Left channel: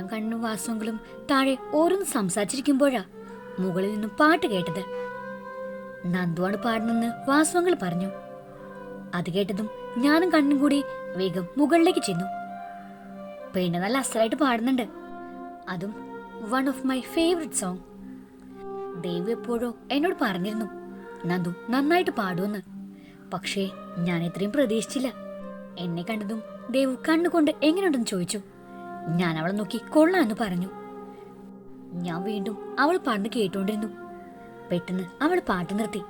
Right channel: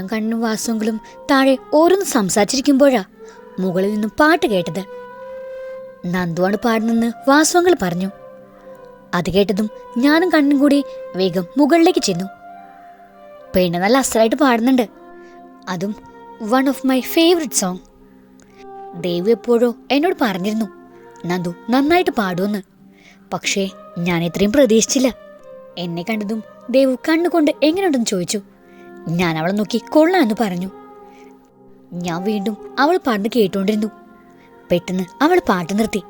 ഞാനും കണ്ണും വാസുങ്കിലും താഴെ ഓരോന്ന് സംസാരിച്ചിരിക്കുമ്പോഴാ മുകളിൽ നിന്നും പാട്ട് കേട്ടത്. നന്ദുവാണ് പാടുന്നെന്ന് വാസവങ്ങൾ പറഞ്ഞു. അത് കേട്ടതും ഞാനും കണ്ണും കൂടി വേഗം മുകളിലേക്ക് ചെന്നു. പെണ്ണ് നല്ല അസലായിട്ട് പാടുന്നുണ്ട്. അതും one of my favourite song Dev എപ്പോഴോ എന്നോട് പറഞ്ഞിരുന്നു നന്ദു നന്നായിട്ട് പാടുമെന്ന് പക്ഷേ ഞാൻ ഇത്രയും പ്രതീക്ഷിച്ചില്ല. എന്നെ കണ്ടതും ദേവു കണ്ണുകൊണ്ട് എങ്ങനെയുണ്ടെന്ന് ചോദിച്ചു. ഞാൻ അവളെ നോക്കി കൊള്ളാം എന്ന് പറഞ്ഞു. ഞാൻ വീണ്ടും അവൾ പാട്ട് കേട്ടുകൊണ്ടിരുന്നു പെട്ടെന്ന് അവൾ പാട്ട് നിർത്തി.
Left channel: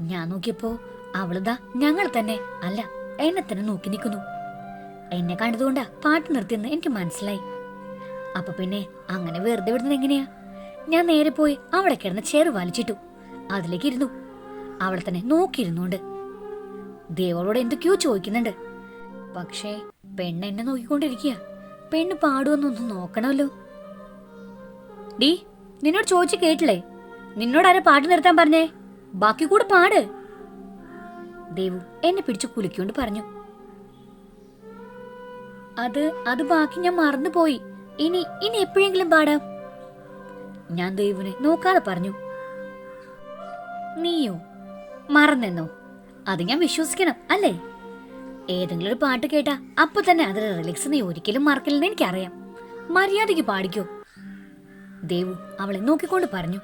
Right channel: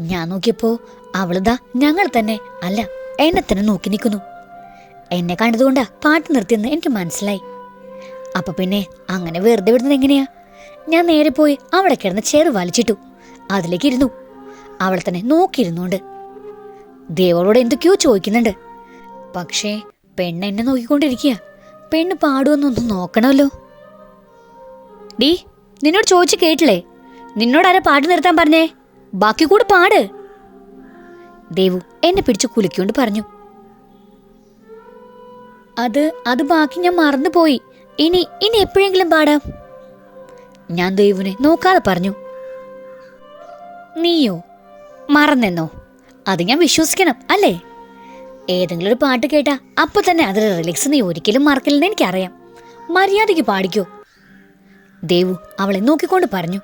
ഞാൻ നോക്കിയപ്പോ അവളിതാ ഞങ്ങൾ തന്നെ അല്ല എന്നെ തന്നെ നോക്കി നിൽക്കുന്നു. എന്നെ കണ്ടതുകൊണ്ടാ പാട്ട് നിർത്തിയെന്ന് എനിക്ക് മനസ്സിലായി. അപ്പൊ പിന്നെ അങ്ങനെ വെറുതെ വിടുന്നത് എങ്ങനെയാ? ഞാൻ നേരെ പോയി അവിടെ കിടന്ന് ചേറ് വലിച്ചിട്ടു. അതിലേക്ക് ഇരുന്നു. അവളെ തന്നെ നോക്കിയിരുന്നുണ്ട് ദേവളോട് എന്തൊക്കെയോ ചോദിക്കുന്നുണ്ട്. പക്ഷേ പെണ്ണ് എന്നെ നോക്കിക്കൊണ്ടിരിക്കുക. പെണ്ണ് പാടുമെന്നൊന്ന് നോക്കണമല്ലോ. ഡീ നിന്നോട് ചോദിച്ചു കേട്ടില്ലേ? നിന്നോട് ആരാ പാട്ട് നിർത്താൻ പറഞ്ഞേ? ബാക്കി കൂടെ പാട്. ദേവു എന്നെ പിടിച്ചു കുലുക്കൊണ്ട് പറഞ്ഞു. അത് അത് ബാക്കി ഞാൻ മറന്നുപോയി. ഇനി ഇനി എപ്പോഴെങ്കിലും പാടാം. ഞാൻ ദേവുനെ നോക്കാതെ പറഞ്ഞു. നീയോ മറന്നെന്നോ? അത് ഞാൻ വിശ്വസിക്കണം അല്ലേ? ഏതെങ്കിലും ഒരു പാട്ട് കേട്ടാ അപ്പൊ തന്നെ അതിൽ റിലിക്സ് നീ ഒരിക്കലും മറക്കില്ലെന്ന് എനിക്കറിയാം. മര്യാദയ്ക്ക് പാടിക്കോ. ദേവു അവളെ നോക്കിക്കൊണ്ട് പറഞ്ഞു.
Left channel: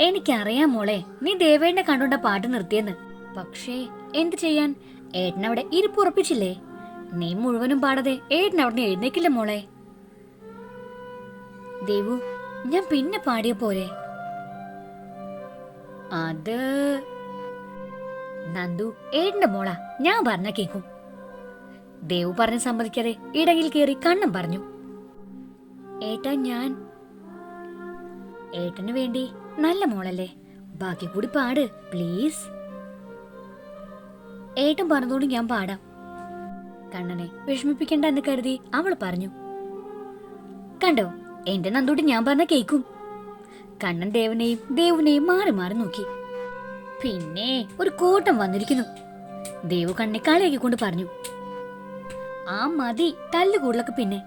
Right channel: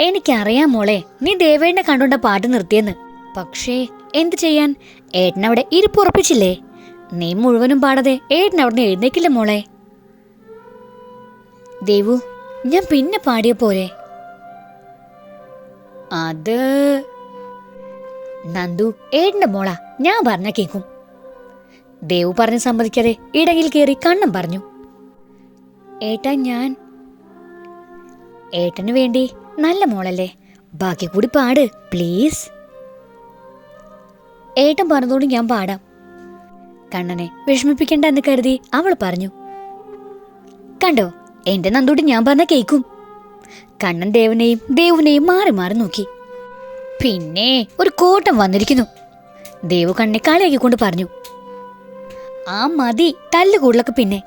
എനിക്കറിയാം മോളെ നീ ദേവേണ്ണെ കണ്ടുകൊണ്ട പാട്ട് നിർത്തിയെന്ന്. പക്ഷേ എന്ത് ചെയ്യാൻ? ഏട്ടനവിടെ ഇരിപ്പുറപ്പിച്ചില്ലേ നീ മുഴുവനും പാടാതെ ഏട്ടൻ അവിടെ എഴുന്നേക്കില്ല മോളെ. ദേവു ഞാൻ പിന്നെ പാടിയ പോലെ. അത് നന്ദു ഏട്ടന്റെ മോളാ ഞാൻ പറഞ്ഞ കേക്കും. ദേവു പറഞ്ഞ് സമ്മതിക്കാതെ ഇടയിൽ കയറി കണ്ണം പറഞ്ഞു. ഏട്ടാ ഞാൻ. ഏട്ടന് വേണ്ടി നല്ല മോളല്ലേ ബാക്കി കൂടി പാട് പ്ലീസ്. ഏട്ടൻ പറഞ്ഞതോട് ഞാൻ പാടാം. കണ്ണനെ വിഷമിപ്പിക്കണ്ട എന്ന് കരുതി അവൾ പറഞ്ഞു. കണ്ടോ എന്റെ നന്ദോട് ഞാൻ പറഞ്ഞ കേക്കും. കണ്ണൻ ദേവനെയും ദേവുനെയും മാറി മാറി നോക്കി. പിന്നെ ഒരു കൂട്ടം വന്നിരിക്കുന്നു. ദേവു കണ്ണെ കളിയാക്കിക്കൊണ്ട് പറഞ്ഞു ആ മതി തല്ലുകൂടലൊക്കെ പിന്നെ.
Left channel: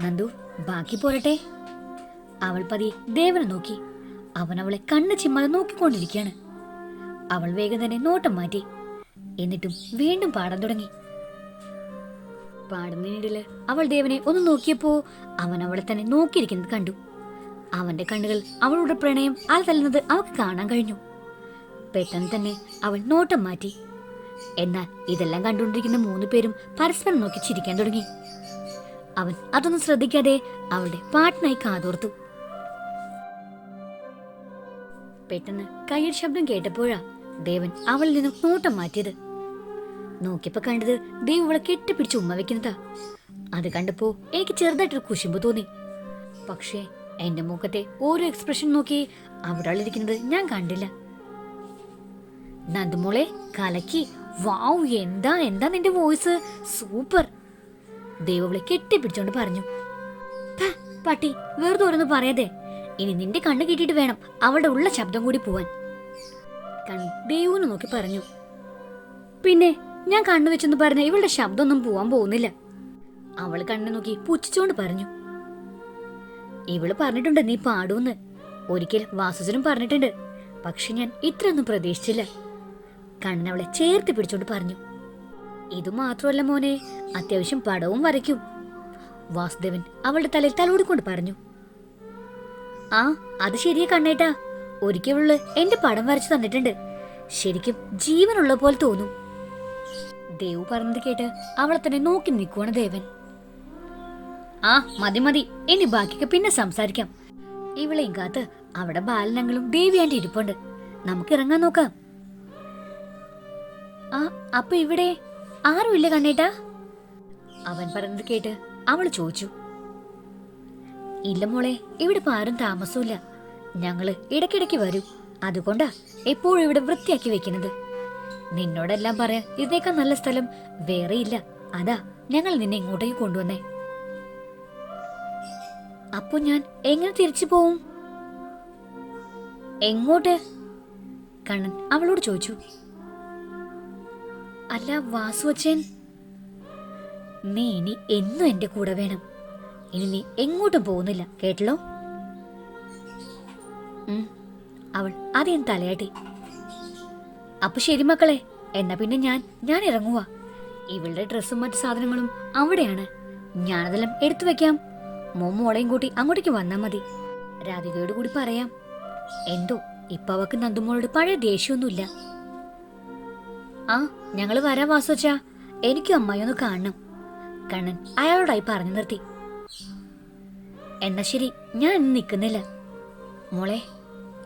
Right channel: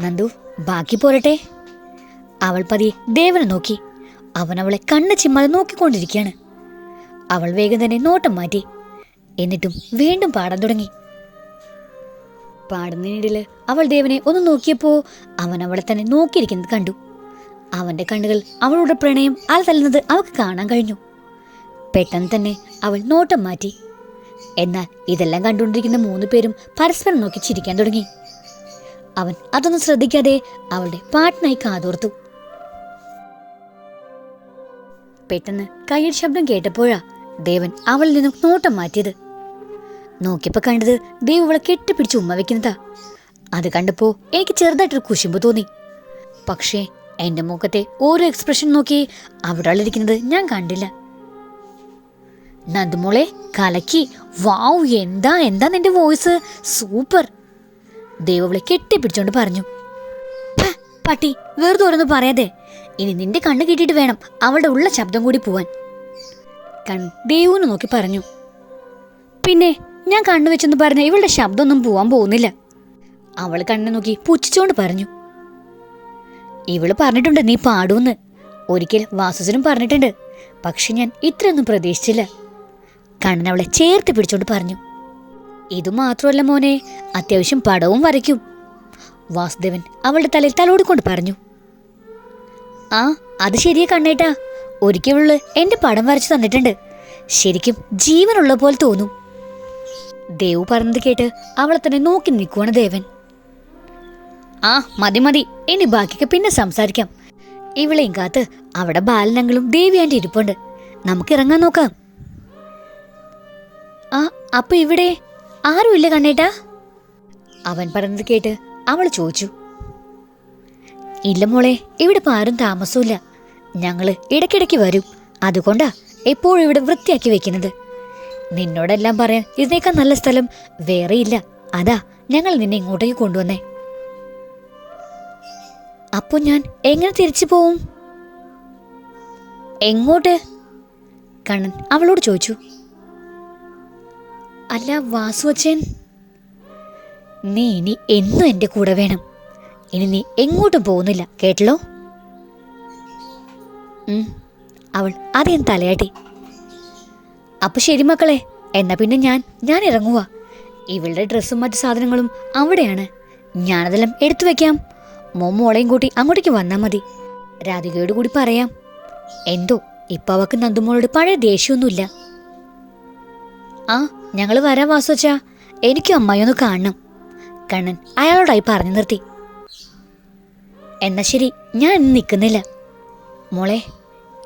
നന്ദു ബാക്കി പോരട്ടെ. അവൾ പതി ദേവനെ നോക്കി. അവൻ അവളെ കണ്ണ് ചിമ്മാതെ നോക്കിക്കൊണ്ടിരിക്കുകയാണ്. അവൾ വേഗം തന്നെ നോട്ടം മാറ്റി. എന്നിട്ടും വീണ്ടും പാടാൻ തുടങ്ങി. പാടുന്നതിനിടയിൽ അവൾ ദേവനെ ഒന്ന് നോക്കിയപ്പോൾ അവൻ അവളെ തന്നെ നോക്കിയിരിക്കുന്നത് കണ്ടു. അവന്റെ കണ്ണുകൾ അവളുടെ പ്രണയം അലതല്ലുന്നത് അവൾക്ക് കാണാൻ കഴിഞ്ഞു. പെട്ടെന്ന് തന്നെ അവൾ നോട്ടം മാറ്റി. എന്നാൽ ഇതെല്ലാം കണ്ടുകൊണ്ടിരിക്കുന്ന മൂന്ന് പേരും പരസ്പരം നോക്കി ചിരിക്കാൻ തുടങ്ങി. അവൻ അതൊന്നും ശ്രദ്ധിക്കാതെ അവളുടെ പാട്ടിനായി കാതോർത്തു. പെട്ടെന്ന് കയ്യടി ശബ്ദം കേട്ടപ്പോഴാ ദേവൻ അവളിൽ നിന്നും നോട്ടം മാറ്റിയത്. നോക്കിയപ്പോ കണ്ടത് ദേവ് അവളെ കെട്ടിപ്പിടിച്ച് ഉമ്മ വെക്കുന്നതാ. അത് കണ്ടപ്പോ എനിക്ക് ചെറുതായിട്ടൊരു കുശുമ്പ് തോന്നി. പക്ഷേ എന്റെ മുഖത്തെ ഓരോ എക്സ്പ്രഷൻ നോക്കി അവിടെ ഇരിക്കുന്നത് ഞാൻ കണ്ടില്ല. നന്ദുമോളെ കലക്കി. വാവ് എന്താ എന്താ നിന്റെ വോയിസ്? സൂപ്പർ. ദേവവിളി കെട്ടിപ്പിടിച്ചോണ്ട് പറഞ്ഞു. "ഹ, പട്ടി വെറുതെ ഓരോന്ന് പറയാതെ. ഇനി നിന്റെ കണ്ണ് കിട്ടിയിട്ട് വേണം അവളുടെ ഉള്ള ശബ്ദം കൂടി പോവാൻ. കൺ നോക്കി പറഞ്ഞു. പിന്നെ ഞാൻ കണ്ണു വെച്ചെന്ന് പറഞ്ഞ ഇവളുടെ ശബ്ദമൊന്നും പോവാൻ പോകുന്നില്ല. അവൾ കണ്ണു നോക്കി പുച്ഛിച്ചോണ്ട് പറഞ്ഞു. ഇവൾ പറഞ്ഞിട്ടുണ്ട് നീ പാടൂന്ന്. ഒരിക്കൽ വാസുജനും പറഞ്ഞിട്ടുണ്ട്. പക്ഷെ ഞാൻ ഇത്രയൊന്നും പ്രതീക്ഷിച്ചില്ല. കണ്ണൻ അവളെ ചേർത്ത് പിടിച്ചോണ്ട് പറഞ്ഞു. ഇതുമാത്രമല്ല മോനെ അത്യാവശ്യം പടവും വരയ്ക്കും വാസുദേവൻ അവളുടെ തലയിൽ തലോടിക്കൊണ്ട് പറഞ്ഞു. ആ അത് ശരിയാ കണ്ണേട്ടാ. ഒരിക്കലുള്ള എന്റെ പടം വരച്ചു തന്നിട്ടുണ്ട്. ശരിക്കും ജീവനുള്ള പോലെ തോന്നും. ദേവു പറഞ്ഞത് കേട്ട് അവളെ തന്നെ നോക്കി നിൽക്കുവാണ് ദേവൻ. ആ മതി മതി. ഇനി ബാക്കിയൊക്കെ പിന്നെ സംസാരിക്കാം. ഇവളെയും കാത്ത് അവിടെ ബാലനങ്ങളും ദേവിയാന്റെ ഇരിപ്പുണ്ട്. നമുക്ക് ഇറങ്ങാൻ നോക്കാം. അപ്പൊ ഇവിടെ ആരുമില്ല കണ്ണേട്ടാ? അവൻ പറഞ്ഞത് കേട്ട് അവൾ ചോദിച്ചു. ഇല്ല മോളെ ഇവിടെ ഇപ്പൊ ആരും താമസമില്ല ഞങ്ങൾ ഇടയ്ക്കിടയ്ക്ക് വരും. അതുകൊണ്ടാ എപ്പോഴും ഇവിടെ വൃത്തിയാക്കി വെക്കുന്നത്. നിന്നോടെല്ലാം പറയാൻ ഇതിനേക്കാൾ നല്ല സ്ഥലം വേറെയില്ല അതാ ഞങ്ങൾ നിന്നെ ഇങ്ങോട്ടേക്ക് കൊണ്ടുവന്നേ. അപ്പൊ ഞാൻ എങ്ങനെ തിരിച്ചു പോവും? എങ്ങോട്ട്? കണ്ണൻ അവളോട് ചോദിച്ചു. അല്ല വാസു അച്ഛൻ. നീ ഇനി എന്നും എന്റെ കൂടെ വേണം. ഇനി നീ എങ്ങോട്ടും പോകുന്നില്ല കേട്ടല്ലോ? അവൾ ആദ്യം തലയാട്ടി. അപ്പൊ ശരി മക്കളെ എന്നാ പിന്നെ ഞാൻ ഞാൻ ഇറങ്ങുക ഇവളുടെ ഡ്രസ്സും മറ്റു സാധനങ്ങളും അവിടെയാണ്. ഞാനതെല്ലാം എടുത്തു വെക്കാം. മോമോളെയും കൂട്ടി അങ്ങോട്ടേക്ക് വന്നാൽ മതി. രാധികയോട് കൂടി പറയാം. എന്തോ ഇപ്പൊ അവക്ക് നന്ദുമോളോട് പഴയ ദേഷ്യമൊന്നുമില്ല. ആ ഞങ്ങൾ വരാം വാസുവച്ചാ എനിക്കും അമ്മായിയൊന്ന് കാണണം. കണ്ണൻ അയാളോടായി പറഞ്ഞു നിർത്തി. എന്നാ ശരി ഞാൻ ഇന്ന് നിൽക്കുന്നില്ല. മോളെ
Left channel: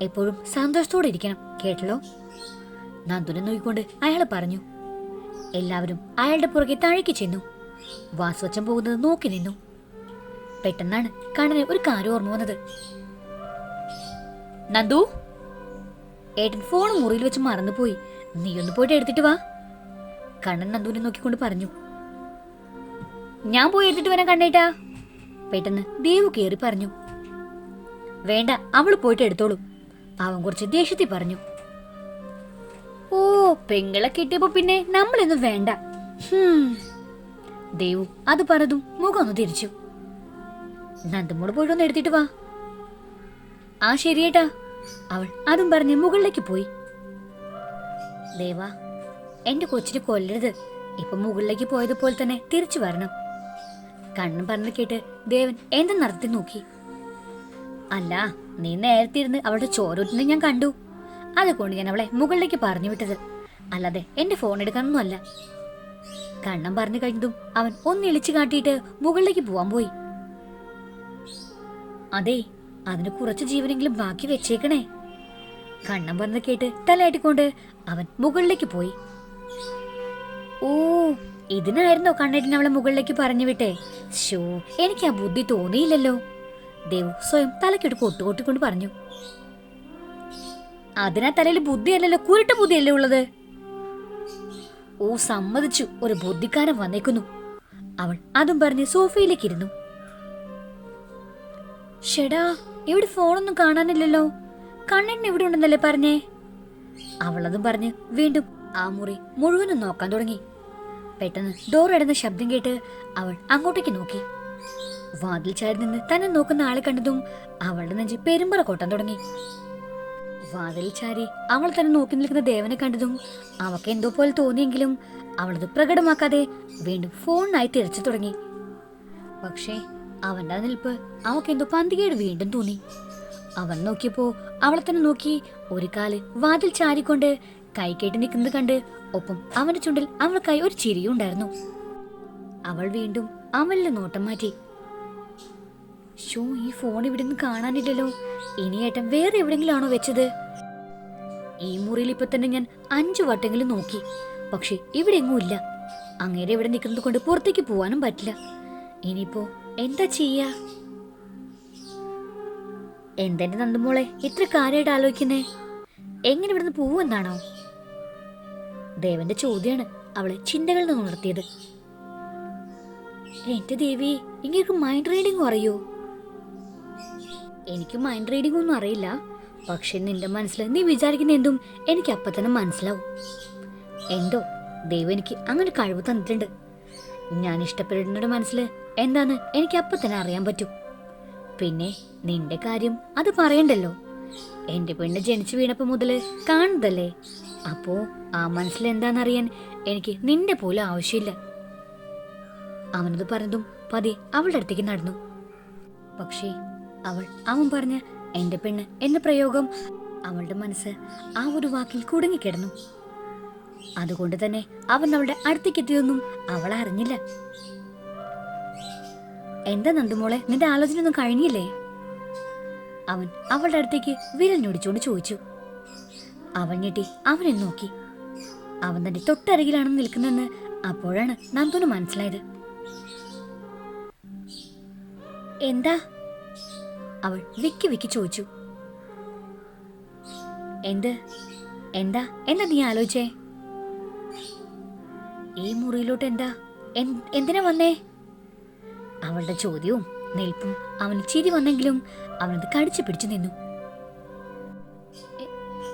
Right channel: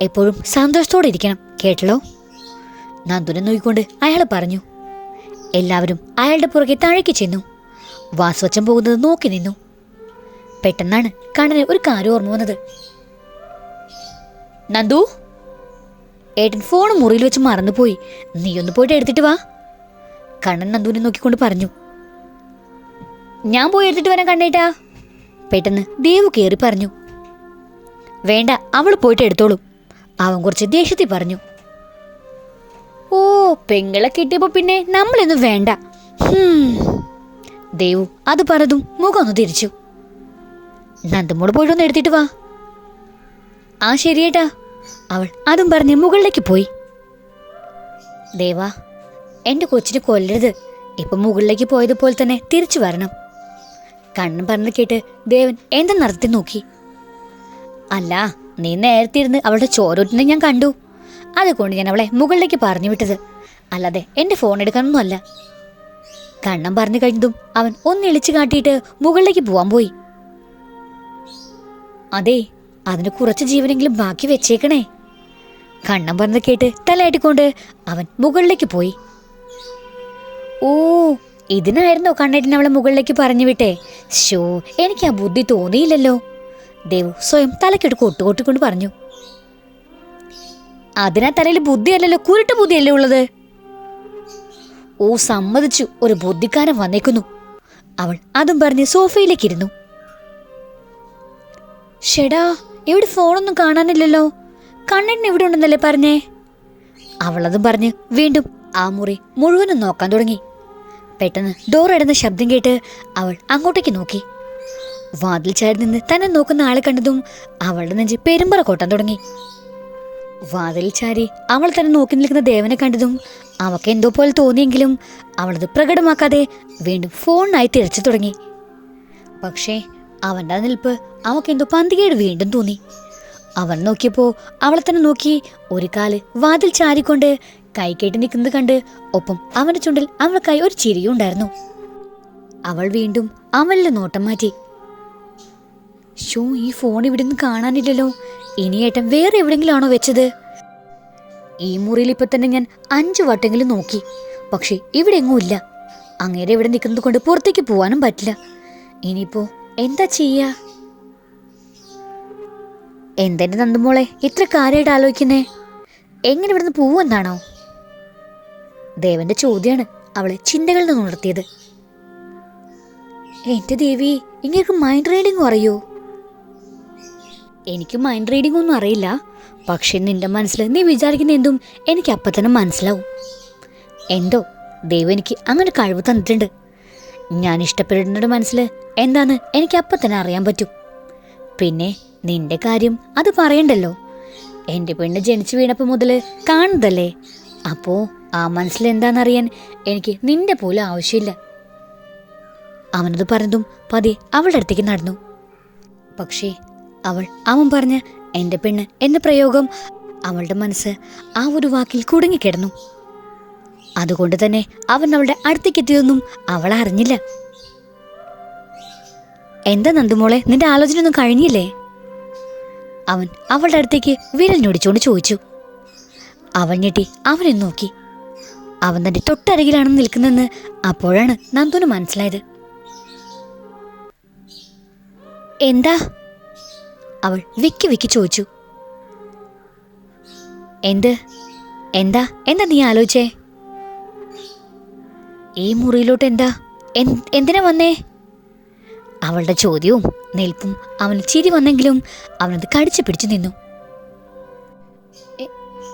എപ്പോഴും സന്തോഷത്തോടെ ഇരിക്കണം കേട്ടല്ലോ? നന്ദുനെ നോക്കിക്കൊണ്ട് അയാൾ പറഞ്ഞു. എല്ലാവരും അയാളുടെ പുറകെ താഴേക്ക് ചെന്നു. വാസുവച്ചൻ പോകുന്നത് നോക്കി നിന്നു. പെട്ടെന്നാണ് കണ്ണന് ഒരു കാര്യം ഓർമ്മ വന്നത്. നന്ദു? ഏട്ടൻ ഫോൺ മുറിയിൽ വെച്ച് മറന്നുപോയി. നീ ഒന്ന് പോയിട്ട് എടുത്തിട്ട് വാ. കണ്ണൻ നന്ദുവിനെ നോക്കിക്കൊണ്ട് പറഞ്ഞു. ഞാൻ പോയി എടുത്തിട്ട് വരാൻ കണ്ടേട്ടാ പെട്ടെന്ന് ദേവു കയറി പറഞ്ഞു. വേണ്ട അവൾ പോയിട്ട് എടുത്തോളൂ. അവൻ കുറച്ച് ദേഷ്യത്തിൽ പറഞ്ഞു. ഓ പെങ്ങളെ കിട്ടിയപ്പോ പിന്നെ നമ്മളൊന്നും വേണ്ട. ദേവു അത് പറഞ്ഞതും മുഖം ഒന്ന് തിരിച്ചു. നന്ദമോട് പോയിട്ടൊന്ന് എടുത്തിട്ട് വാ. ആ ശരിയേട്ടാ. അവൾ അതും പറഞ്ഞ് മുകളിലേക്ക് പോയി. ദേവാ എന്റെ കൊച്ചിനെ കൊല്ലരുത്. ഇപ്പൊ മുകളിലേക്ക് പോയതുപോലെ തന്നെ തിരിച്ചു വരണം. കണ്ണും പറഞ്ഞു കേട്ട് ദേവൻ എന്താ നടത്തി നോക്കി. അല്ല നീ നേരത്തെ ഇരുന്ന് അവളുടെ ചോരോട്ടിനെ ഞാൻ കണ്ടു. അതുകൊണ്ട് ഞാൻ അവളെ മുകളിലേക്ക് പറഞ്ഞു വിട്ടത്. അല്ലാതെ എന്റെ ഫോൺ എടുക്കാനൊന്നുമല്ല. കണ്ണൻ കണ്ണം പറഞ്ഞു കഴിഞ്ഞതും അവൻ ഒന്ന് ഒന്നിളിച്ചു കാട്ടിയിട്ട് മുകളിലേക്ക് പോവാൻ പോയി. അതെ അതിന് കുറച്ച് ജീവനെങ്കിലും ബാക്കി വെച്ചേക്കണേ. കണ്ണം പറഞ്ഞ് കേട്ട് തലയാട്ടിക്കൊണ്ട് അവൻ മുകളിലേക്ക് പോയി. ഓ ഇതിനായിരുന്നോ കണ്ണേട്ടിന് അവളെ മുകളിലേക്ക് പറഞ്ഞു വിട്ടേ? ഷോ എനിക്ക് ആ ബുദ്ധി തോന്നിയില്ലല്ലോ. ദേവു സ്വയം തലക്കെട്ട് കൊട്ടുകൊട്ടിക്കൊണ്ട് പറഞ്ഞു. അതിനാ തലയിൽ ബുദ്ധിയല്ലല്ലോ കുരുട്ട് ബുദ്ധിയല്ലേ ഉള്ളത്? ഓ സമ്മതിച്ചു. ഒരു ബുദ്ധിക്കാരൻ വന്നേക്കുന്നു. അവൾ അതും പറഞ്ഞ് സോഫയിലേക്കിരുന്നു ഷെടാ ഇവിടെ ഫോണൊന്നും കാണാനില്ലല്ലോ? കണ്ണൻ ഇവിടെ ഉണ്ടെന്നല്ലേ പറഞ്ഞേ? അവളതും പറഞ്ഞ് വീണ്ടും ആ മുറി മുഴുവനും നോക്കാൻ തുടങ്ങി. പെട്ടെന്ന് ഡോർ ഇടുന്ന ശബ്ദം കേട്ട് അവൾ അങ്ങോട്ടേക്ക് നോക്കി. വാതിൽ ചാരി നിന്ന് തന്നെ നോക്കുന്ന ആളെ കണ്ടതും അവളുടെ നെഞ്ച് പെരുമ്പറ കൊട്ടാൻ തുടങ്ങി. വാതിൽ ചാരി അവൾ തന്നെ നോക്കി നിൽക്കുന്ന ദേവനെ കണ്ടതും അവക്ക് എന്തോ പോലെ തോന്നിയെങ്കിലും അവളത് പ്രകടമാക്കാതെ വീണ്ടും ഫോണിനായി തിരച്ചു തുടങ്ങി. പക്ഷേ അവന്റെ നിൽപ്പ് അവക്കെന്തോ പന്തികേട് വീണ്ടും തോന്നി. അവൻ നോക്കിയപ്പോ അവളെ തന്നെ നോക്കി ഒരു കാൽ വാതിൽ ചാരിക്കൊണ്ട് കൈ കേട്ട് നിൽക്കുന്നത് കണ്ട് ഒപ്പം അവന്റെ ചുണ്ടിൽ അവൾക്കായി ഒരു ചിരിയും ഉണ്ടായിരുന്നു. അവൾ വീണ്ടും അവളുടെ നോട്ടം മാറ്റി. ഷോ ഈ ഫോൺ ഇവിടെ നിന്ന് കാണാനില്ലല്ലോ. ഇനി ഏട്ടൻ വേറെ എവിടെങ്കിലും ആണോ വെച്ചത്? ഈ മുറിയിൽ ഇപ്പൊ തന്നെ ഞാൻ അഞ്ചു വട്ടെങ്കിലും നോക്കി. പക്ഷെ ഇവിടെ എങ്ങും ഇല്ല. അങ്ങേരെ ഇവിടെ നിൽക്കുന്നത് കൊണ്ട് പുറത്തേക്ക് പോവാനും പറ്റില്ല. ഇനിയിപ്പോ എന്താ ചെയ്യാ? എന്തെന്റെ നന്ദുമോളെ ഇത്ര കാര്യമായിട്ട് ആലോചിക്കുന്നേ? എങ്ങനെ ഇവിടുന്ന് പോവെന്നാണോ ദേവന്റെ ചോദ്യമാണ് അവളെ ചിന്തകളിൽ നിന്ന് ഉണർത്തിയത്. എന്റെ ദേവി ഇങ്ങനെയൊക്കെ മൈൻഡ് റീഡിംഗ് അറിയോ? എനിക്ക് മൈൻഡ് റീഡിംഗ് ഒന്നും അറിയില്ല. പക്ഷെ നിന്റെ മനസ്സിൽ നീ വിചാരിക്കുന്ന എന്തും എനിക്ക് അപ്പം തന്നെ മനസ്സിലാവും. എന്തോ ദൈവം എനിക്ക് അങ്ങനെ കഴിവ് തന്നിട്ടുണ്ട്. ഞാൻ ഇഷ്ടപ്പെടുന്നവരുടെ മനസ്സിൽ എന്താന്ന് എനിക്ക് അപ്പം തന്നെ അറിയാൻ പറ്റും. പിന്നെ നിന്റെ കാര്യം അത് പറയണ്ടല്ലോ. എന്റെ പെണ്ണ് ജനിച്ചു വീണപ്പോൾ മുതൽ കാണുന്നതല്ലേ? അപ്പോ ആ മനസ്സിൽ എന്താണെന്നറിയാൻ എനിക്ക് നിന്റെ പോലും ആവശ്യമില്ല. അവനത് പറഞ്ഞതും പതി അവളുടെ അടുത്തേക്ക് നടന്നു. പക്ഷേ അവൾ അവൻ പറഞ്ഞ എന്റെ പെണ്ണ് എന്ന പ്രയോഗം അവളുടെ മനസ്സ് ആ ഒരു വാക്കിൽ കുടുങ്ങിക്കിടന്നു. അതുകൊണ്ട് തന്നെ അവൻ അവളുടെ അടുത്തേക്ക് എത്തിയതൊന്നും അവൾ അറിഞ്ഞില്ല. എന്താ നന്ദുമോളെ നിന്റെ ആലോചന ഒന്നും കഴിഞ്ഞില്ലേ? അവൻ അവളുടെ അടുത്തേക്ക് വിരൽ ഞൊടിച്ചുകൊണ്ട് ചോദിച്ചു. അവൾ ഞെട്ടി അവനെ നോക്കി. അവൻ തന്റെ തൊട്ടരികിലാണെന്ന് നിൽക്കുന്നതെന്ന് അപ്പോഴാണ് നന്ദുന് മനസ്സിലായത്. എന്താ? അവൾ വിക്കി വിക്കി ചോദിച്ചു. എന്ത്? എന്താ? എന്താ നീ ആലോചിച്ചേ? ഈ മുറിയിലോട്ട് എന്താ? എന്തിനാ വന്നേ? അവളുടെ ചോദ്യവും നിൽപ്പും അവന് ചിരി വന്നെങ്കിലും അവനത് കടിച്ചു പിടിച്ചു നിന്നു.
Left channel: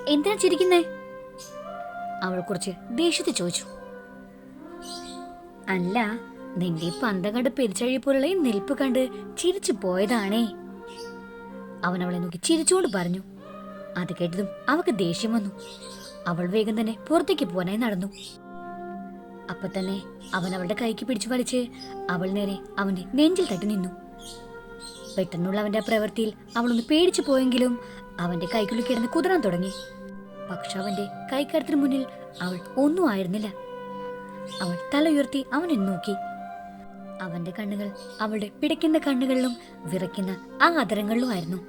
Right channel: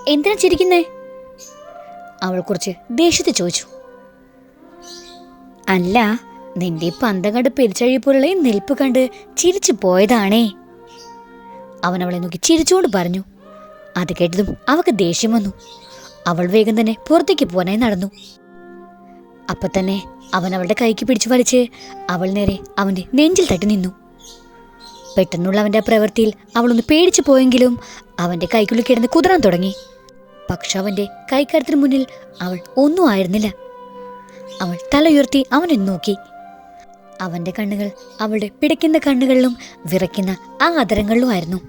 എന്തിനാ ചിരിക്കുന്നേ? അവൾ കുറച്ച് ദേഷ്യത്തെ ചോദിച്ചു. അല്ല നിന്റെ ഈ പന്തം കണ്ട് പെരിച്ചഴിപ്പോലുള്ള ഈ നിൽപ്പ് കണ്ട് ചിരിച്ചു പോയതാണേ. അവൻ അവളെ നോക്കി ചിരിച്ചുകൊണ്ട് പറഞ്ഞു. അത് കേട്ടതും അവൾക്ക് ദേഷ്യം വന്നു. അവൾ വേഗം തന്നെ പുറത്തേക്ക് പോകാനായി നടന്നു. അപ്പൊ തന്നെ അവൻ അവളുടെ കൈക്ക് പിടിച്ചു വലിച്ച് അവൾ നേരെ അവന്റെ നെഞ്ചിൽ തട്ടി നിന്നു. പെട്ടെന്നുള്ള അവന്റെ പ്രവൃത്തിയിൽ അവളൊന്ന് പേടിച്ചു പോയെങ്കിലും അവന്റെ കൈക്കുള്ളിൽ കിടന്ന് കുതിരാൻ തുടങ്ങി. പക്ഷെ അവന്റെ കൈക്കരത്തിന് മുന്നിൽ അവൾ ഒന്നും ആയിരുന്നില്ല. അവൾ തല ഉയർത്തി അവനെ നോക്കി. അവന്റെ കണ്ണുകൾ അവളുടെ പിടയ്ക്കുന്ന കണ്ണുകളിലും വിറയ്ക്കുന്ന ആ അതരങ്ങളിലുമായിരുന്നു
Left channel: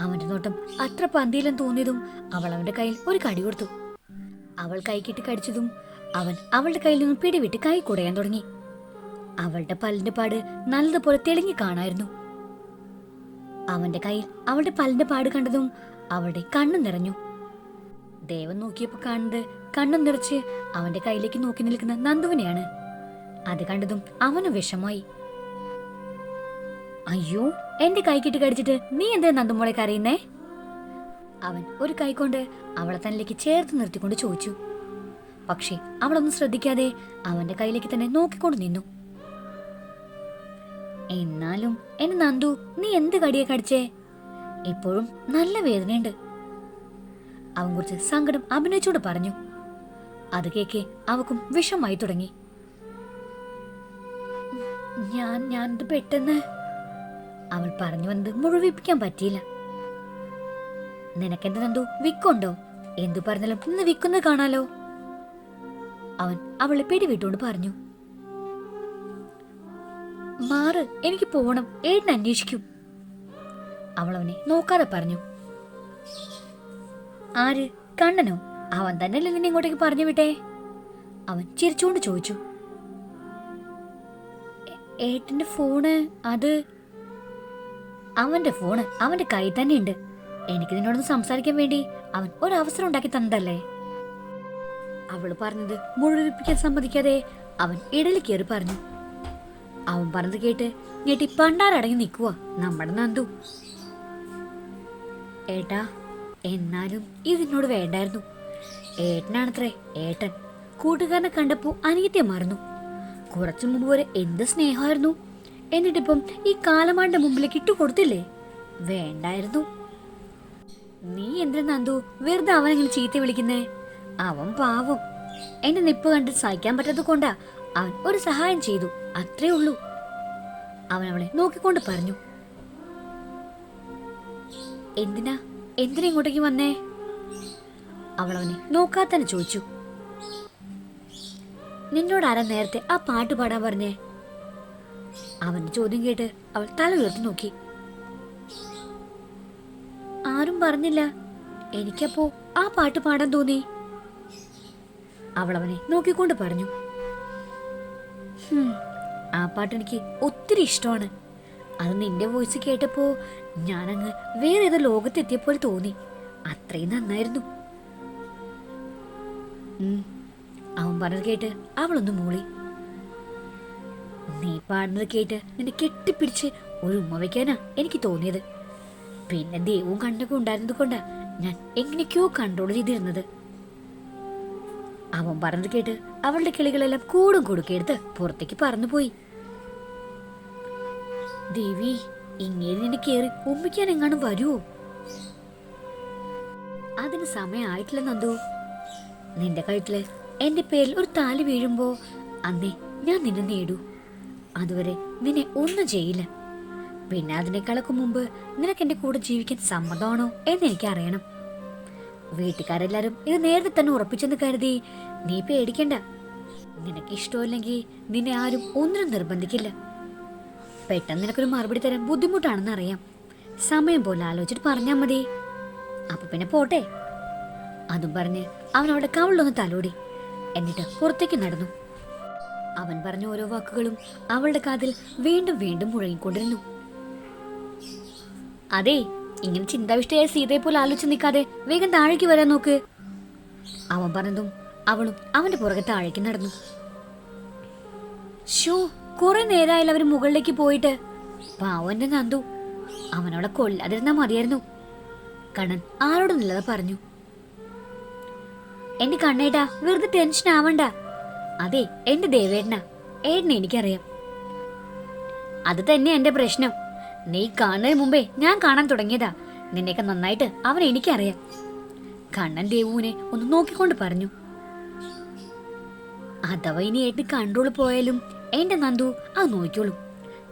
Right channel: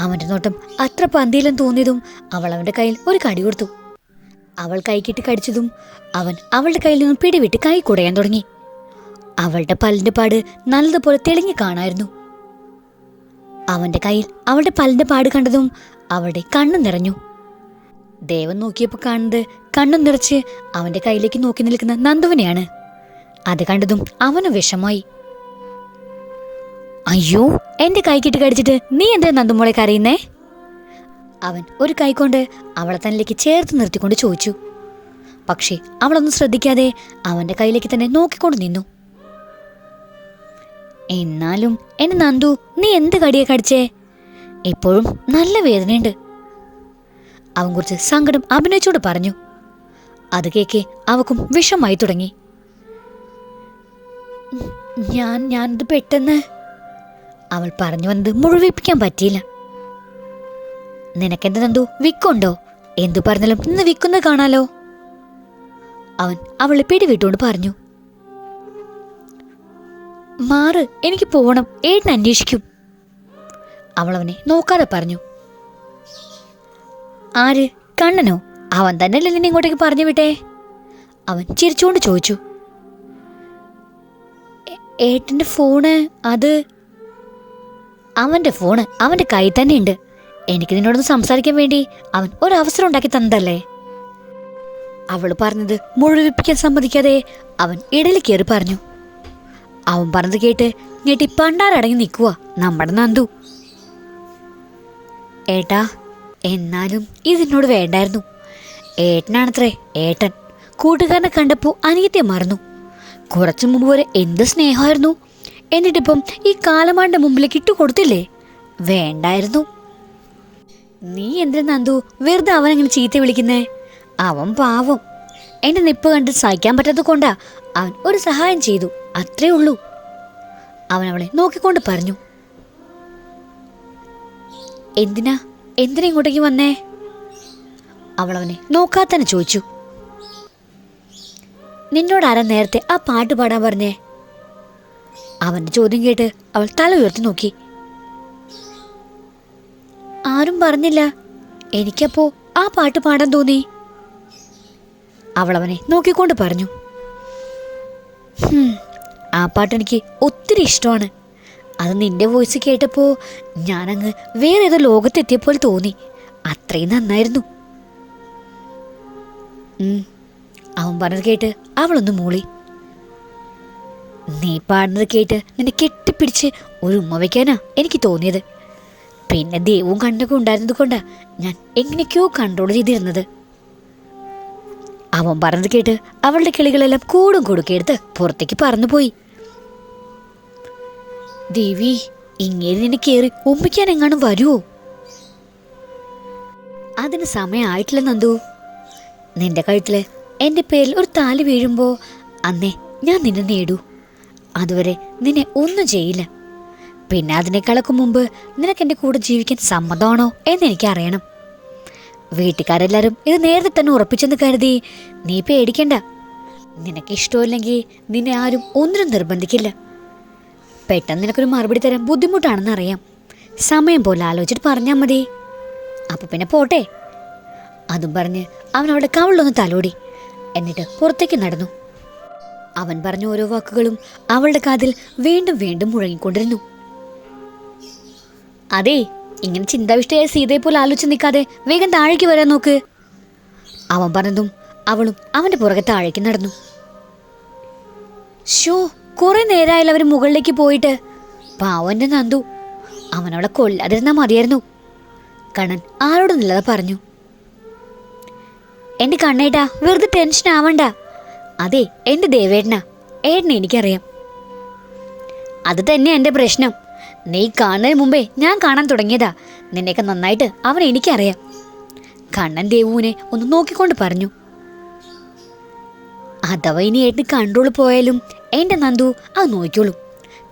അവന്റെ നോട്ടം അത്ര പന്തിയിലും തോന്നിയതും അവൾ അവന്റെ കയ്യിൽ ഒരു കടി കൊടുത്തു. അവൾ കൈക്കിട്ട് കടിച്ചതും അവൻ അവളുടെ കയ്യിൽ നിന്നും പിടിവിട്ട് കൈ കുടയാൻ തുടങ്ങി. അവളുടെ പല്ലിന്റെ പാട് നല്ലതുപോലെ തെളിഞ്ഞു കാണായിരുന്നു. അവന്റെ കയ്യിൽ അവളുടെ പല്ലിന്റെ പാട് കണ്ടതും അവളുടെ കണ്ണു നിറഞ്ഞു. ദേവൻ നോക്കിയപ്പോൾ കാണുന്നത് കണ്ണു നിറച്ച് അവന്റെ കയ്യിലേക്ക് നോക്കി നിൽക്കുന്ന നന്ദുവിനെയാണ്. അത് കണ്ടതും അവന് വിഷമായി അയ്യോ എന്റെ കൈക്കിട്ട് കടിച്ചിട്ട് നീ എന്താ നന്ദുമോളെ കരയുന്നേ? അവൻ ഒരു കൈകൊണ്ട് അവളെ തന്നിലേക്ക് ചേർത്ത് നിർത്തിക്കൊണ്ട് ചോദിച്ചു. പക്ഷേ അവളൊന്നും ശ്രദ്ധിക്കാതെ അവന്റെ കയ്യിലേക്ക് തന്നെ നോക്കിക്കൊണ്ട് നിന്നു. എന്നാലും എന്നെ നന്ദു നീ എന്ത് കടിയെ കടിച്ചേ? എപ്പോഴും നല്ല വേദനയുണ്ട്. അവൻ കുറിച്ച് സങ്കടം അഭിനയിച്ചോട് പറഞ്ഞു. അത് കേക്ക് അവക്കും വിഷമായി തുടങ്ങി. ഞാൻ ഞാനിത് പെട്ടെന്ന് അവൾ പറഞ്ഞു വന്നത് മുഴുവിപ്പിക്കാൻ പറ്റിയില്ല. നിനക്കെന്ത് നന്ദു? വിക്കുണ്ടോ? എന്തു പറഞ്ഞാലും ഇന്ന് വിക്കുന്നത് കാണാലോ? അവൻ അവളെ പിടിവിട്ടുകൊണ്ട് പറഞ്ഞു. മാറ് എനിക്ക് പോകണം ഏട്ടൻ അന്വേഷിക്കും. അവൾ അവനെ നോക്കാതെ പറഞ്ഞു. ആര്? കണ്ണനോ? അവൻ തന്നെയല്ലേ നിന്നെ ഇങ്ങോട്ടേക്ക് പറഞ്ഞു വിട്ടെ? അവൻ ചിരിച്ചുകൊണ്ട് ചോദിച്ചു. "ഏ- ഏട്ടന്റെ ഫോണ് അത് അവന്റെ ഫോണ് അവന്റെ കൈ തന്നെ ഉണ്ട് എനിക്ക് നിന്നോടൊന്ന് സംസാരിക്കാൻ വേണ്ടി അവൻ ഒരവസരം ഉണ്ടാക്കി തന്നതല്ലേ? അവൾ പറഞ്ഞത് മുഴുവിപ്പിക്കാൻ സമ്മതിക്കാതെ അവൻ ഇടയിൽ കയറി പറഞ്ഞു. അവൻ പറഞ്ഞത് കേട്ട് ഞെട്ടി പണ്ടാരടങ്ങി നിൽക്കുക നമ്മുടെ നന്ദു. ഏട്ടാ എന്നാലും ഇതിനോട് വേണ്ടായിരുന്നു. ഏട്ടനാണത്രേ ഏട്ടൻ. കൂട്ടുകാരനെ കണ്ടപ്പോൾ അനിയത്തെ മറന്നു. കുറച്ചു മുമ്പ് വരെ എന്ത് സ്നേഹമായിരുന്നു. എന്നിട്ടിപ്പം ഈ കാലമാണ്ട മുമ്പിലേക്ക് ഇട്ടു കൊടുത്തില്ലേ വേണ്ടായിരുന്നു. നീ എന്തിനാ നന്ദു വെറുതെ അവൻ അങ്ങനെ ചീത്ത വിളിക്കുന്നേ? അവൻ പാവം. എന്റെ നിപ്പ് കണ്ട് സഹിക്കാൻ പറ്റാത്തത് കൊണ്ടാ അവൻ ഒരു സഹായം ചെയ്തു. അത്രേ ഉള്ളൂ. അവൻ അവളെ നോക്കിക്കൊണ്ട് പറഞ്ഞു. എന്തിനാ? എന്തിനാ ഇങ്ങോട്ടേക്ക് വന്നേ? അവൾ അവനെ നോക്കാത്തന്നെ ചോദിച്ചു. നിന്നോട് ആരാ നേരത്തെ ആ പാട്ട് പാടാൻ പറഞ്ഞേ? അവന്റെ ചോദ്യം കേട്ട് അവൾ തല ഉയർത്തി നോക്കി. ആരും പറഞ്ഞില്ല. എനിക്കപ്പോ ആ പാട്ട് പാടാൻ തോന്നി. അവളവനെ നോക്കിക്കൊണ്ട് പറഞ്ഞു. "ഹും, ആ പാട്ട് എനിക്ക് ഒത്തിരി ഇഷ്ടമാണ്. അത് നിന്റെ വോയിസ് കേട്ടപ്പോ ഞാനങ്ങ് വേറെ ഏതോ ലോകത്തെത്തിയപ്പോൾ തോന്നി. അത്രയും നന്നായിരുന്നു. അവൻ പറഞ്ഞത് കേട്ട് അവളൊന്ന് മൂളി. നീ പാടുന്നത് കേട്ട് നിന്നെ കെട്ടിപ്പിടിച്ച് ഒരു ഉമ്മ വയ്ക്കാനാ എനിക്ക് തോന്നിയത്. പിന്നെ ദൈവവും കണ്ണൊക്കെ ഉണ്ടായിരുന്നത് കൊണ്ടാ ഞാൻ എങ്ങനെയൊക്കെയോ കൺട്രോൾ ചെയ്തിരുന്നത്. അവൻ പറഞ്ഞത് കേട്ട് അവളുടെ കിളികളെല്ലാം കൂടും കൊടുക്കെടുത്ത് പുറത്തേക്ക് പറന്നുപോയി. ദേവി ഇങ്ങനെ നിന്നെ കയറി ഉമ്മിക്കാൻ എങ്ങാനും വരുമോ അതിന് സമയമായിട്ടില്ല നന്ദു. നിന്റെ കഴുത്തിൽ എന്റെ പേരിൽ ഒരു താലി വീഴുമ്പോ അന്നേ ഞാൻ നിന്നെ നേടൂ. അതുവരെ നിന്നെ ഒന്നും ചെയ്യില്ല. പിന്നെ അതിനേക്കാളൊക്കെ മുമ്പ് നിനക്ക് എന്റെ കൂടെ ജീവിക്കാൻ സമ്മതമാണോ എന്ന് എനിക്ക് അറിയണം വീട്ടുകാരെല്ലാരും ഇത് നേരത്തെ തന്നെ ഉറപ്പിച്ചെന്ന് കരുതി നീ പേടിക്കണ്ട. നിനക്ക് ഇഷ്ടമില്ലെങ്കിൽ നിന്നെ ആരും ഒന്നിനും നിർബന്ധിക്കില്ല. പെട്ടെന്ന് നിനക്കൊരു മറുപടി തരാൻ ബുദ്ധിമുട്ടാണെന്ന് അറിയാം. സമയം പോലെ ആലോചിച്ചിട്ട് പറഞ്ഞാൽ മതി. അപ്പൊ പിന്നെ പോട്ടെ. അതും പറഞ്ഞ് അവൻ അവിടെ കവളിലൊന്ന് തലോടി. എന്നിട്ട് പുറത്തേക്ക് നടന്നു. അവൻ പറഞ്ഞ ഓരോ വാക്കുകളും അവളുടെ കാതിൽ വീണ്ടും വീണ്ടും മുഴങ്ങിക്കൊണ്ടിരുന്നു. അതെ ഇങ്ങനെ ചിന്താവിഷ്ടയായ പോലെ ആലോചിച്ച് നിൽക്കാതെ വേഗം താഴേക്ക് വരാൻ നോക്ക്. അവൻ പറഞ്ഞതും അവളും അവന്റെ പുറകെ താഴേക്ക് നടന്നു. ഷോ കുറെ നേരമായാലും അവർ മുകളിലേക്ക് പോയിട്ട്. പാവന്റെ നന്ദു അവനവളെ കൊല്ലാതിരുന്നാ മതിയായിരുന്നു. കണ്ണൻ ആരോടൊന്നില്ലാതെ പറഞ്ഞു. എന്റെ കണ്ണേട്ടാ വെറുതെ ടെൻഷൻ ആവണ്ട. അതെ എന്റെ ദേവേട്ടനാ. ഏട്ടനെ എനിക്കറിയാം. അത് തന്നെ എന്റെ പ്രശ്നം. നീ കാണുന്നതിന് മുമ്പേ ഞാൻ കാണാൻ തുടങ്ങിയതാ. നിന്നെയൊക്കെ നന്നായിട്ട് അവൻ എനിക്കറിയാം. കണ്ണൻ ദേവുവിനെ ഒന്ന് നോക്കിക്കൊണ്ട് പറഞ്ഞു. അഥവാ ഇനി ഏട്ടന് കൺട്രോൾ പോയാലും എന്റെ നന്ദു അത് നോക്കിയോളൂ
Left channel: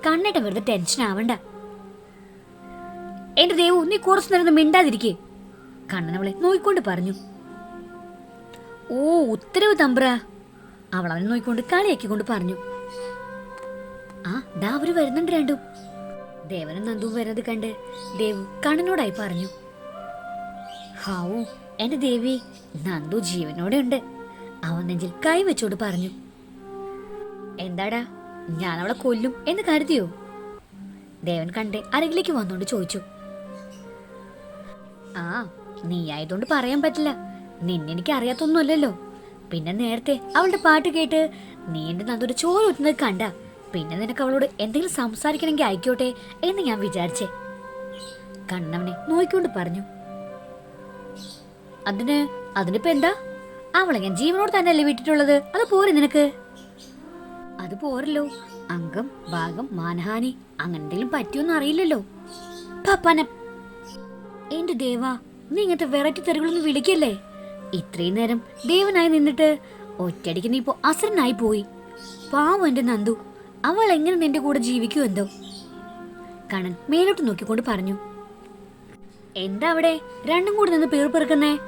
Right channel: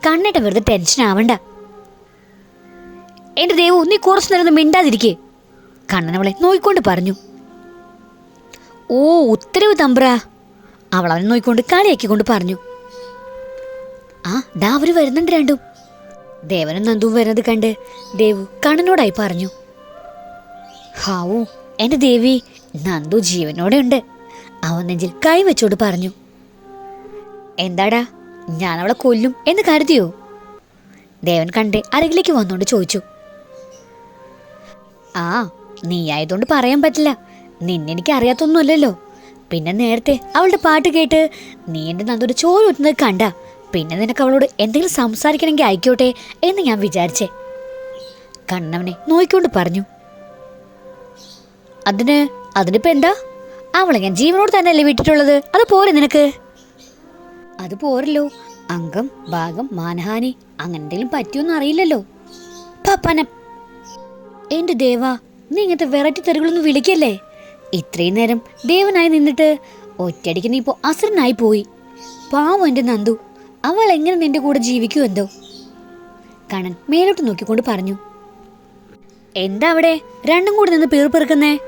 കണ്ണേട്ട വെറുതെ ടെൻഷൻ ആവണ്ട. എന്റെ ദേവു നീ കുറച്ച് നേരം മിണ്ടാതിരിക്കേ. കണ്ണൻ അവളെ നോക്കിക്കൊണ്ട് പറഞ്ഞു. ഓ ഉത്തരവ് തമ്പ്ര. അവൾ അവനെ നോക്കിക്കൊണ്ട് കളിയാക്കിക്കൊണ്ട് പറഞ്ഞു. ആ ദാ അവർ വരുന്നുണ്ട് രണ്ടും. ദേവനും നന്ദുവും വരുന്നത് കണ്ട് ദേവു കണ്ണനോടായി പറഞ്ഞു. ഹാവൂ എന്റെ ദേവി നന്ദു ജീവനോടെ ഉണ്ട്. അവൻ നെഞ്ചിൽ കൈ വെച്ചോട് പറഞ്ഞു. എന്താടാ ഞാൻ അവളെ കൊല്ലും എന്ന് കരുതിയോ? ദേവൻ കണ്ട് അരകിലേക്ക് വന്നോണ്ട് ചോദിച്ചു. ആ നീ ആയതുകൊണ്ട് പറയാൻ പറ്റില്ല. നിന്നെനിക്ക് അറിയാത്തൊന്നുമല്ലല്ലോ. പിന്നെ നേരത്തെ അവളുടെ പാട്ട് കേട്ട് നീ എന്റെ നന്ദൊരു ചോറ് ഒറ്റുന്നത് കണ്ട പിന്നെ നിനക്ക് അവളോട് എന്തെങ്കിലും സംസാരിക്കണമെങ്കിൽ ആയിക്കോട്ടെ എന്ന് ഞാൻ വിചാരിച്ചേ. കണ്ണവനെ നോക്കിക്കൊണ്ട് പറഞ്ഞു. അതിന് അതിനിപ്പോ എന്താ? അവളെ ഞാൻ ജീവനോട് തന്നെയല്ലേ വിട്ടിട്ടുള്ളത്? അത് പോരെ നിനക്ക്? അത് പോരല്ലോ. അംഗം ഭാഗം മാനഹാനി അങ്ങനെ എന്തെങ്കിലും പറ്റിയൊന്നും അറിയില്ലല്ലോ. പപ്പന എന്റെ ദേവ നീ ഇങ്ങനത്തെ വെറൈറ്റി തെരുകളൊന്നും വിളിക്കല്ലേ? ഇത്രയും നേരം ദേവനായി നിന്നിട്ട് ഒറ്റയടിക്ക് നീ ഇപ്പോ അസുരനായി പോയി. പാവം എന്റെ നന്ദു. അവൾ എങ്ങനെ നിന്റെ കൂടെ ജീവിക്കൂ എന്തോ? കണൻ മേലോട്ട് നോക്കിക്കൊണ്ട് പറഞ്ഞു. എന്താ അവിടെ? രണ്ടും കൂടി നിന്ന് പേർപ്പെറുക്കുന്നേ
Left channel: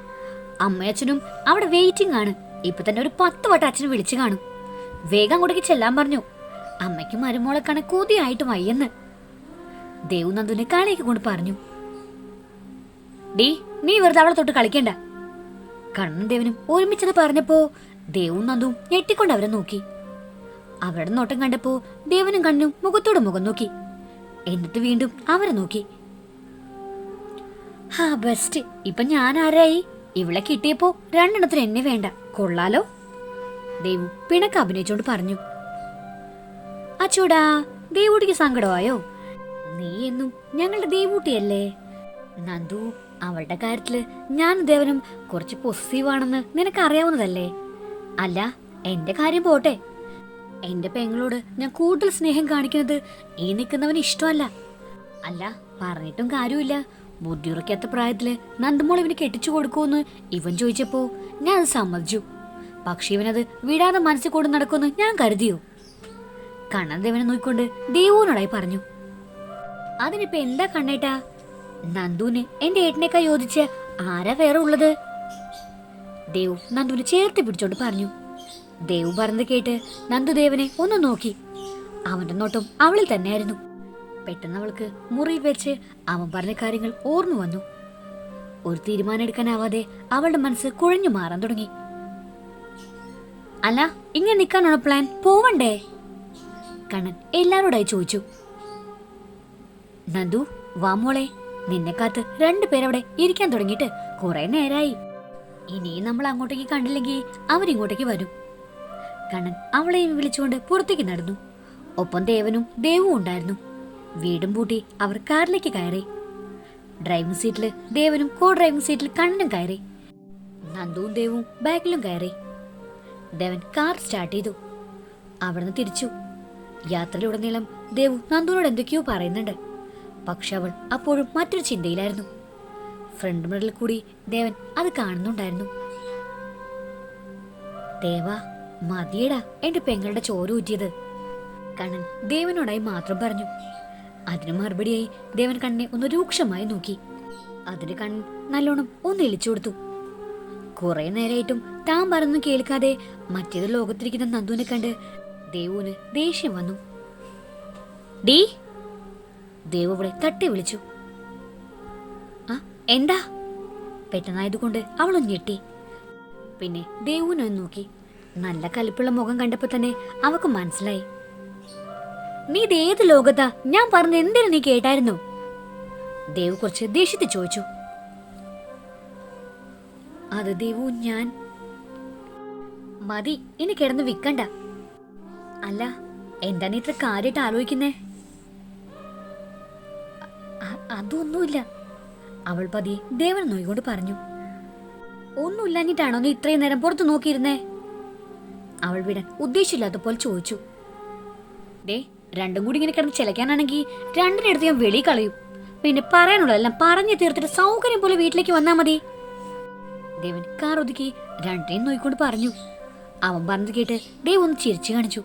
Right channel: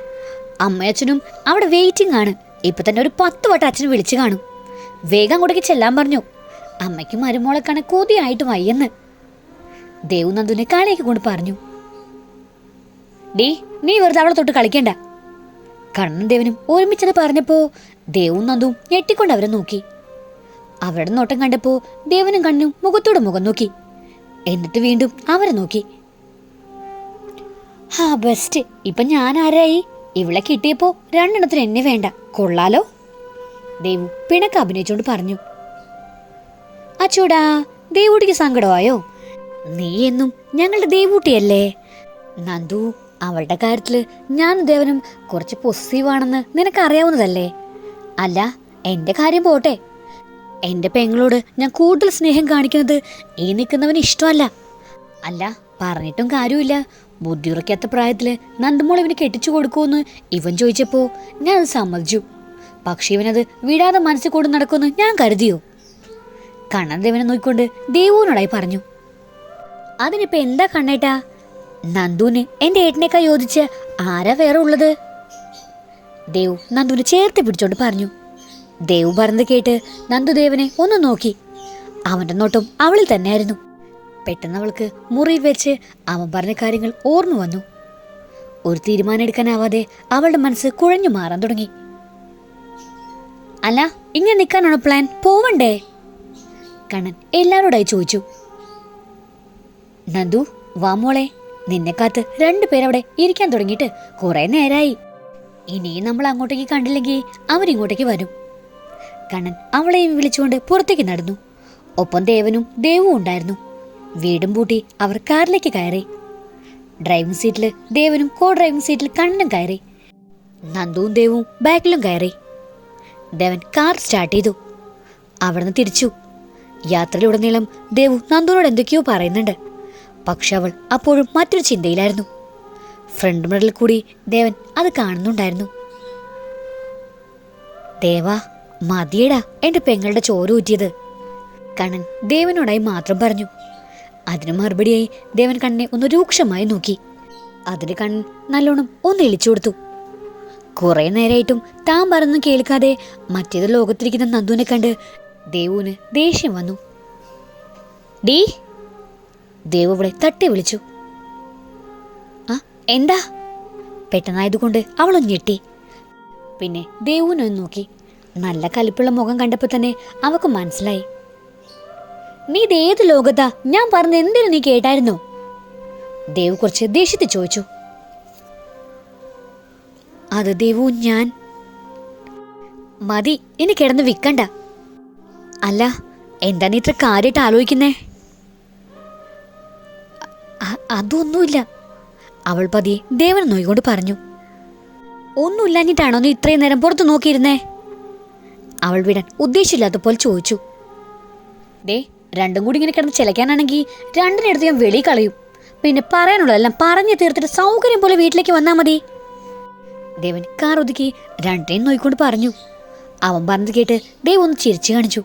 അമ്മയച്ഛനും അവിടെ വെയിറ്റിംഗ് ആണ്. ഇപ്പൊ തന്നെ ഒരു പത്ത് വട്ടം അച്ഛൻ വിളിച്ചു കാണും. വേഗം അങ്ങോട്ടേക്ക് ചെല്ലാൻ പറഞ്ഞു. അമ്മയ്ക്കും മരുമോളെ കാണ കൊതിയായിട്ട് വയ്യെന്ന്. ദേവുനന്ദുനെ കാളിയൊക്കെ കൊണ്ട് പറഞ്ഞു. ഡീ നീ വെറുതെ അവളെ തൊട്ട് കളിക്കണ്ട. കണ്ണൻ ദേവനും ഒരുമിച്ചത് പറഞ്ഞപ്പോ ദേവും നന്ദുവും ഞെട്ടിക്കൊണ്ട് അവരെ നോക്കി. അവരുടെ നോട്ടം കണ്ടപ്പോ ദേവനും കണ്ണും മുഖത്തോട് മുഖം നോക്കി. എന്നിട്ട് വീണ്ടും അവരെ നോക്കി. ഹാ ബെസ്റ്റ് ഇപ്പൊ ഞാൻ ആരായി? ഇവളെ കിട്ടിയപ്പോ രണ്ടെണ്ണത്തിന് എന്നെ വേണ്ട. കൊള്ളാലോ? ദേവു പിണക്ക് അഭിനയിച്ചോണ്ട് പറഞ്ഞു. അച്ചൂടാ ദേവൂട്ടിക്ക് സങ്കടമായോ? നീ എന്നും ഞങ്ങളുടെ ദേവൂട്ടിയല്ലേ? നന്ദു അവളുടെ കാര്യത്തിൽ ഞാൻ ദേവനും കുറച്ച് പൊസസീവ് ആണെന്ന് നിനക്ക് അറിയാവുന്നതല്ലേ അല്ല എന്റെ കാര്യം പോട്ടെ. എന്റെ പെങ്ങളോട് ഞാൻ കൂടുതൽ സ്നേഹം കാണിക്കുന്നത് ഈ നിൽക്കുന്നവന് ഇഷ്ടമല്ല. അല്ല പറഞ്ഞിട്ടും കാര്യമില്ല ബുദ്ധിയുറക്കാത്ത പ്രായത്തിൽ നന്ദമോൾ ഇവന് കെട്ടിച്ചു കൊടുക്കുമെന്ന് ഇവൻ ചോദിച്ചപ്പോ ഞാൻ അത് സമ്മതിച്ചു. പക്ഷെ ഇവനത് വിടാതെ മനസ്സിൽ കൊണ്ട് നടക്കുമെന്ന് ഞാൻ കരുതിയോ? കണ്ണൻ ദേവനെ നോക്കിക്കൊണ്ട് ദേവുവിനോടായി പറഞ്ഞു. അതിനിപ്പോ എന്താ കണ്ണേട്ടാ? നന്ദുവിന് എന്റെ ഏട്ടനേക്കാ യോജിച്ച് ആരാ വേറെ ഉള്ളത്? ദേവു നന്ദുവിനെ ചേർത്ത് പിടിച്ചോണ്ട് പറഞ്ഞു. ദേവു പറഞ്ഞത് കേട്ട് നന്ദുദേവനെ ഒന്ന് നോക്കി. അവന്റെ നോട്ടം അവളിൽ തന്നെയായിരുന്നു. പെട്ടെന്ന് അവൾക്ക് മുറിയിൽ വെച്ച് അവൻ പറഞ്ഞ കാര്യങ്ങൾ ഓർമ്മ വന്നു. ഒരു തീരുമാനം എടുക്കാനാവാതെ അവളുടെ മനസ്സ് കുഴഞ്ഞു മാറാൻ തുടങ്ങി. അല്ല ഇങ്ങനെ നിൽക്കാനാണോ പ്ലാൻ പോവണ്ടേ? കണ്ണൻ എല്ലാവരോടായി ചോദിച്ചു. നന്ദു വാ മോളെ. നിന്നെ കാത്ത് രണ്ടുപേരവിടെ ഇരിക്കാൻ തുടങ്ങിയിട്ട് കുറെ നേരായി. ഇനിയും നമ്മൾ അങ്ങോട്ടേക്ക് കണ്ടില്ലെങ്കിൽ അവരിങ്ങോട്ടേക്ക് വരും. കണ്ണൻ അവളെയും വിളിച്ചുകൊണ്ട് പുറത്തേക്ക് നടന്നു. ഒപ്പം ദേവനും ദേവും ഉണ്ടായിരുന്നു. വീടും പൂട്ടി അവർ കാറിലേക്ക് കയറി. ഡ്രൈവിംഗ് സീറ്റിൽ ദേവനും കോ ഡ്രൈവിംഗ് സീറ്റിൽ കണ്ണനും കയറി. നന്ദുവും ദേവും ബാക്കിലും കയറി. ദേവൻ കാർ സ്റ്റാർട്ട് ചെയ്തു. അവിടുന്ന് തിരിച്ചു. യാത്രയിലുടനീളം ദേവു നന്ദുവിനോട് എന്തൊക്കെയോ പറയുന്നുണ്ട്. പക്ഷെ അവൾ അപ്പോഴും മറ്റൊരു ചിന്തയിലായിരുന്നു. ഫ്രണ്ട് മിററിൽ കൂടി ദേവൻ അത് കാണുന്നുണ്ടായിരുന്നു. ദേവാ മതിയടാ എന്റെ പെങ്ങളുടെ ചോര ഊറ്റിയത്. കണ്ണൻ ദേവനോടായി മാത്രം പറഞ്ഞു. അതിന് മറുപടിയായി ദേവൻ കണ്ണനെ ഒന്ന് രൂക്ഷമായി നോക്കി. അതിന് കണ്ണൻ നല്ലോണം ഒന്ന് ഇളിച്ചു കൊടുത്തു. കുറെ നേരമായിട്ടും താൻ പറഞ്ഞു കേൾക്കാതെ മറ്റേത് ലോകത്തിരിക്കുന്ന നന്ദുവിനെ കണ്ട് ദേവുവിന് ദേഷ്യം വന്നു. ഡീ ദേവ് അവളെ തട്ടി വിളിച്ചു. ആ എന്താ? പെട്ടെന്നായതുകൊണ്ട് അവളൊന്ന് ഞെട്ടി. പിന്നെ ദേവുവിനൊന്ന് നോക്കി. നല്ല കലിപ്പുള്ള മുഖം കണ്ടപ്പോൾ തന്നെ അവക്ക് മനസ്സിലായി. നീ ഇത് ഏത് ലോകത്താ? ഞാൻ പറഞ്ഞ എന്തിനു നീ കേട്ടായിരുന്നു? ദേവ് കുറച്ച് ദേഷ്യത്തിൽ ചോദിച്ചു. അത് ദേവു ഞാൻ. മതി ഇനി കിടന്ന് വിൽക്കണ്ട. അല്ല എന്താ നീ ഇത്ര കാര്യമായിട്ട് ആലോചിക്കുന്നേ? അതൊന്നുമില്ല. അവൾ പതിയെ ദേവൻ നോയിക്കൊണ്ട് പറഞ്ഞു. ഒന്നുമില്ലാഞ്ഞിട്ടാണോ നീ ഇത്രയും നേരം പുറത്ത് നോക്കിയിരുന്നേ? അവൾ വിടാൻ പോലെ ചോദിച്ചു. ദേ രണ്ടും കൂടി ഇങ്ങനെ കിടന്ന് ചിലക്കാനാണെങ്കിൽ രണ്ടിനടുത്ത് ഞാൻ വെളി കളയും. പിന്നെ പറയാനുള്ളതെല്ലാം പറഞ്ഞു തീർത്തിട്ട് സൗകര്യം പോലെ വീട്ടിലേക്ക് വന്നാൽ മതി. ദേവൻ കാർ ഒതുക്കി രണ്ടിനെയും നോയിക്കൊണ്ട് പറഞ്ഞു. അവൻ പറഞ്ഞത് കേട്ട് ദേവ് ഒന്ന് ചിരിച്ചു കാണിച്ചു.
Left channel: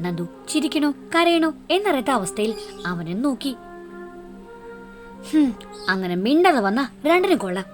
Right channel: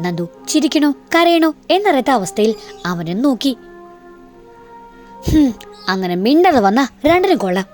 നന്ദു ചിരിക്കണോ കരയണോ എന്നറിയാത്ത അവസ്ഥയിൽ അവനെ നോക്കി. അങ്ങനെ മിണ്ടാതെ വന്ന രണ്ടിനും കൊള്ളാം.